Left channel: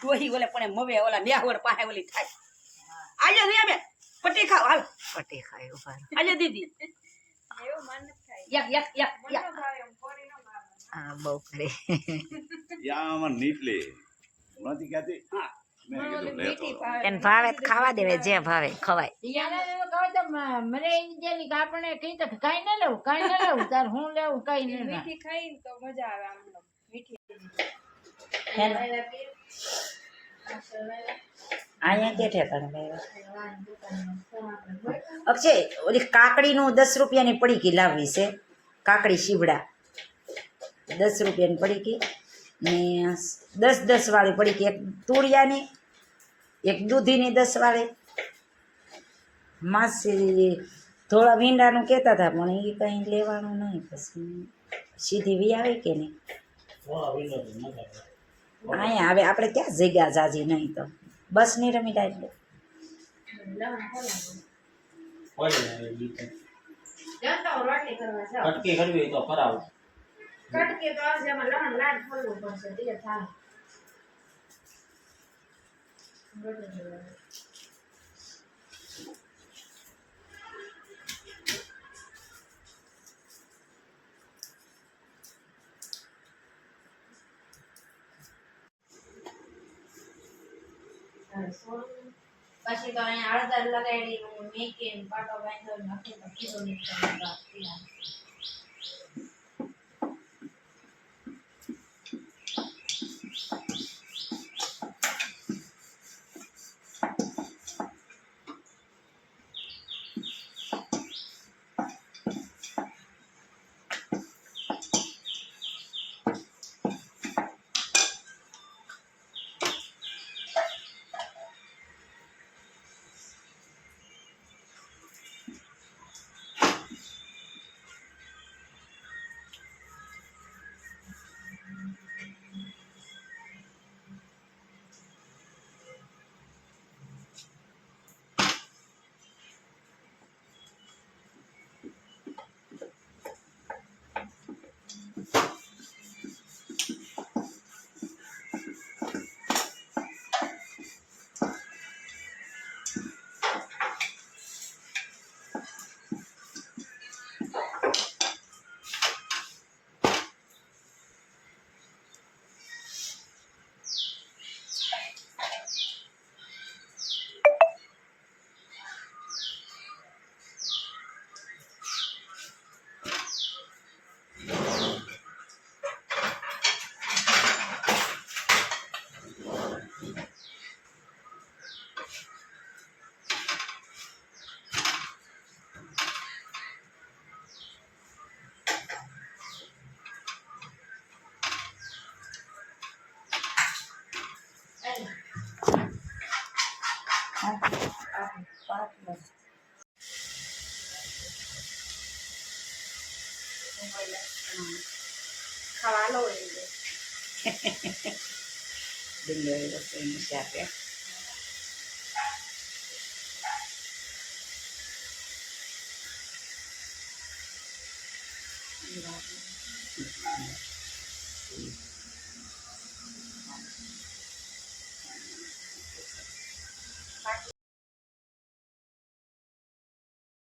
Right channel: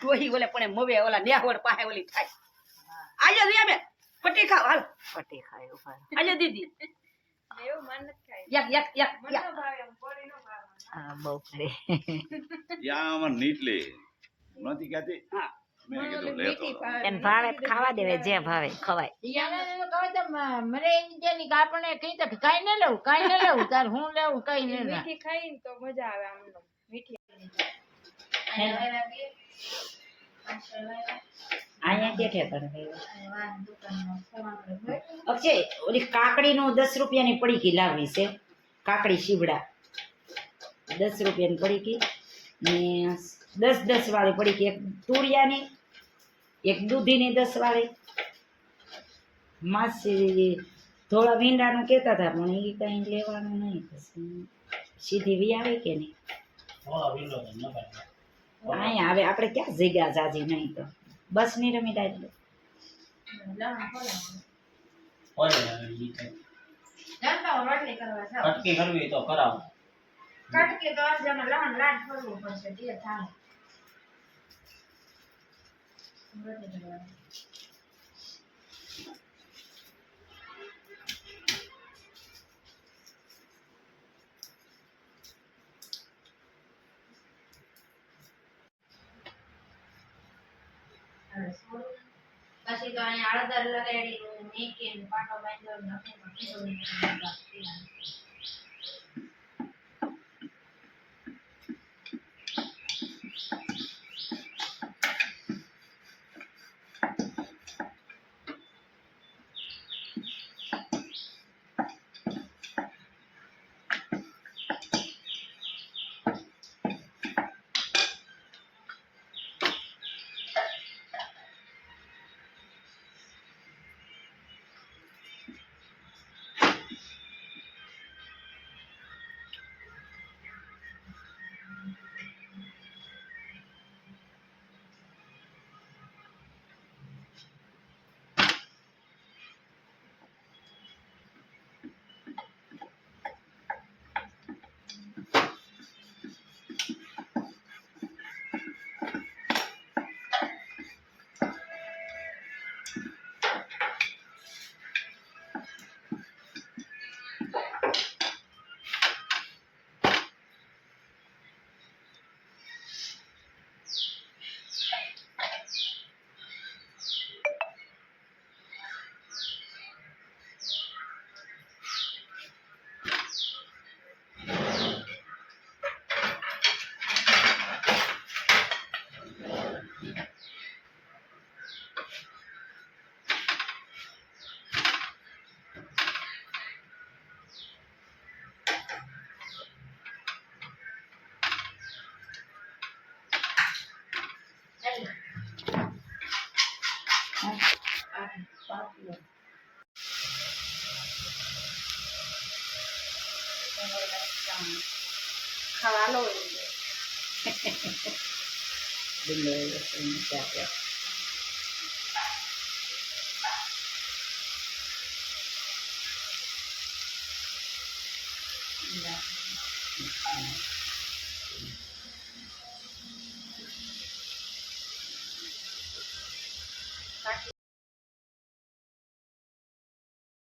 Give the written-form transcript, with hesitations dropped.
ડોહી ઓલે પણ મવે ઓલા નેહવડ પાસે ઓલી થાય આજે રે બે પટી ખાવ હાલ પટી ખાય ઉભા આજે દીદી એવું મન થાય યક મન નો ભાવે એમ કોરી નો ભાવે હા બહુ કરે યા અમાર નીટલે નથી કહેતી હા મેં કીધું લેતો આવો. એને ભાવે તો ખાવા દેવે જે ભાવે ખવાય મને એમ કે આપણે કઈ તો કઈ ન લેવું કઈ ન લેવું તાર હું લેવું કઈ ન મીઠી ખાઈને તો મજા આવે આમ મીઠી અહીંયા કેઠે તને અક્ષય ઓલી કાકડીનું 10 રૂપિયાની પડીકી લાવવી છે કાકડી શીવડા 10 રૂપિયાની પડીકી ને 10 વાળી પડીકી એક તુરિયાની એક દૂધીની 10 વાળી માસી થોડા ભીંડાનું કહેતા હતા પણ એ કંઈ લેવાનું નહીં પછી સીધી વી આવે કે નહીં અહીંયા હવે આપણે ક્યાં જગ્યા જાજી નહીં તો બસ નહીં રમી એટલે રોટલી કરવા જાવ કટકી કરવી તો કરાવો કટકે તો અર્જમાં લહણ લાડ ફરવું પડશે તે થાય રોટલી કરવા પછી તો અહીંયા હળદર લગાડી મેકીને પાટો બાંધ્યો નાખી તો કીધું નહીં ખાવા લો ડુંગળી લસણ ચાપે એ